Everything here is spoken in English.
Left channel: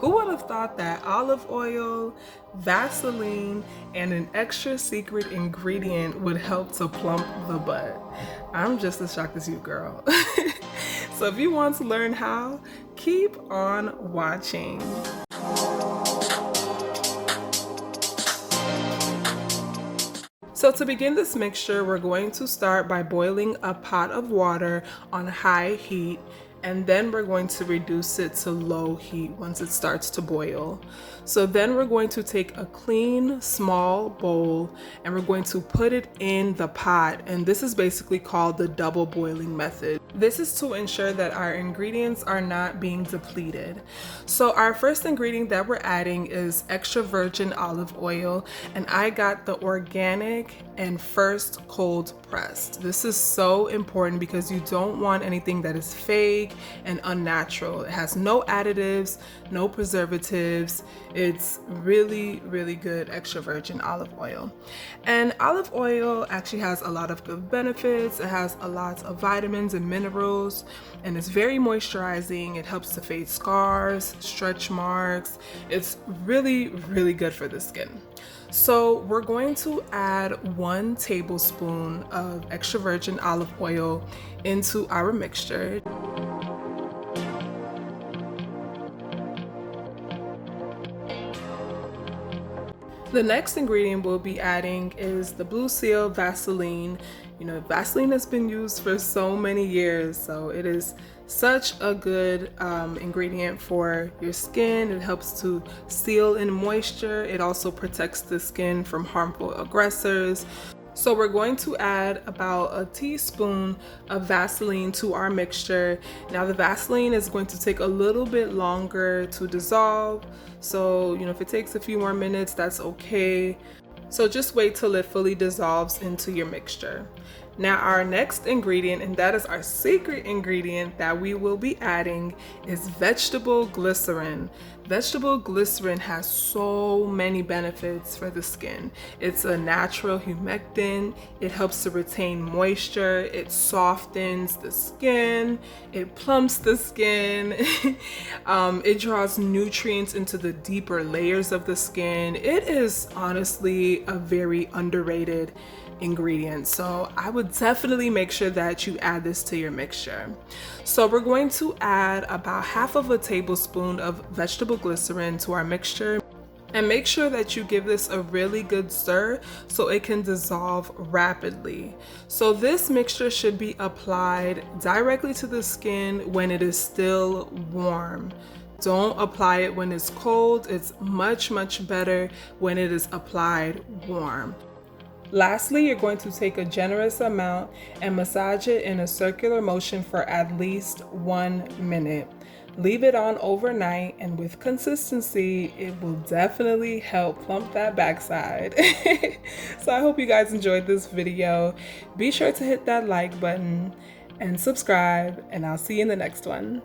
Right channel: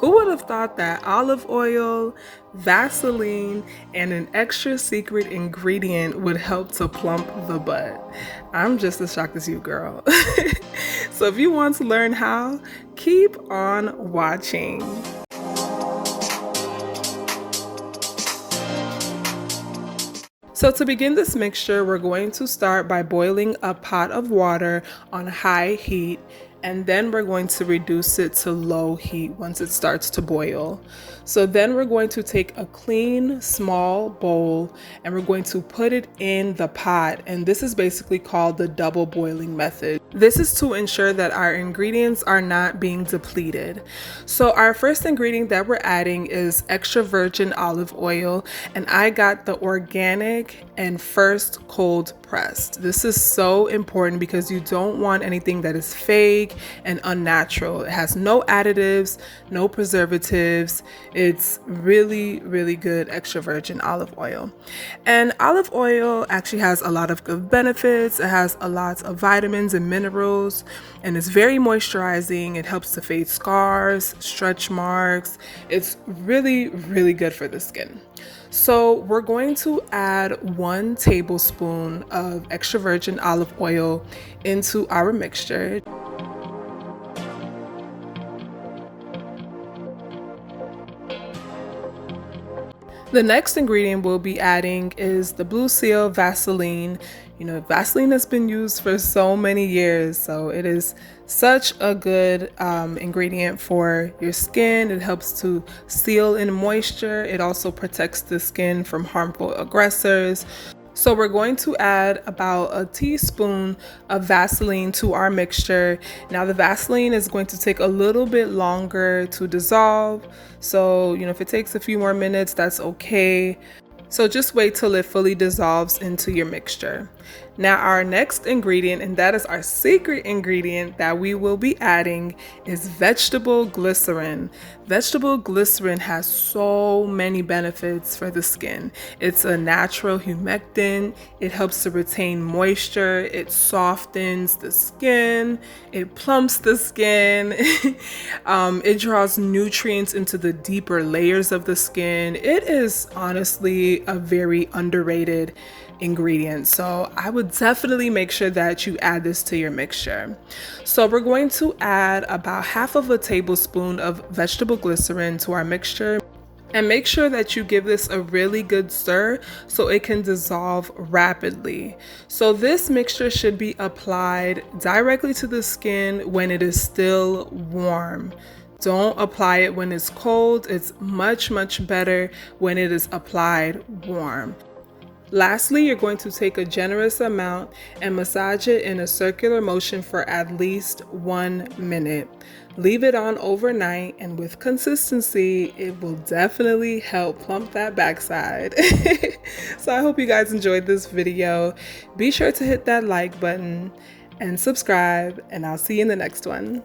Who would have thought that olive oil, Vaseline, and an extra secret ingredient would help to plump the butt? I'm just as shocked as you, girl. So if you want to learn how, keep on watching. So to begin this mixture, we're going to start by boiling a pot of water on high heat, and then we're going to reduce it to low heat once it starts to boil. So then we're going to take a clean, small bowl and we're going to put it in the pot. And this is basically called the double boiling method. This is to ensure that our ingredients are not being depleted. So our first ingredient that we're adding is extra virgin olive oil, and I got the organic and first cold pressed. This is so important because you don't want anything that is fake and unnatural. It has no additives, no preservatives. It's really, really good extra virgin olive oil. And olive oil actually has a lot of good benefits. It has a lot of vitamins and minerals, and it's very moisturizing. It helps to fade scars, stretch marks. It's really, really good for the skin. So we're going to add 1 tablespoon of extra virgin olive oil into our mixture. The next ingredient we'll be adding is the Blue Seal Vaseline. You know, Vaseline has been used for so many years, so it is such a good ingredient for your skin. It helps to seal in moisture. It also protects the skin from harmful aggressors. So we're going to add about a teaspoon of Vaseline to our mixture. Now the Vaseline is going to take a little bit longer to dissolve. So, you know, if it takes a few more minutes, that's okay. So just wait till it fully dissolves into your mixture. Now our next ingredient, and that is our secret ingredient that we will be adding, is vegetable glycerin. Vegetable glycerin has so many benefits for the skin. It's a natural humectant. It helps to retain moisture. It softens the skin. It plumps the skin. It draws nutrients into the deeper layers of the skin. It is honestly a very underrated ingredient. So I would definitely make sure that you add this to your mixture. So we're going to add about half of a tablespoon of vegetable glycerin to our mixture. And make sure that you give this a really good stir so it can dissolve rapidly. So this mixture should be applied directly to the skin when it is still warm. Don't apply it when it's cold. It's much, much better when it is applied warm. Lastly, you're going to take a generous amount and massage it in a circular motion for at least 1 minute. Leave it on overnight, and with consistency, it will definitely help plump that backside. So I hope you guys enjoyed this video. Be sure to hit that like button and subscribe, and I'll see you in the next one.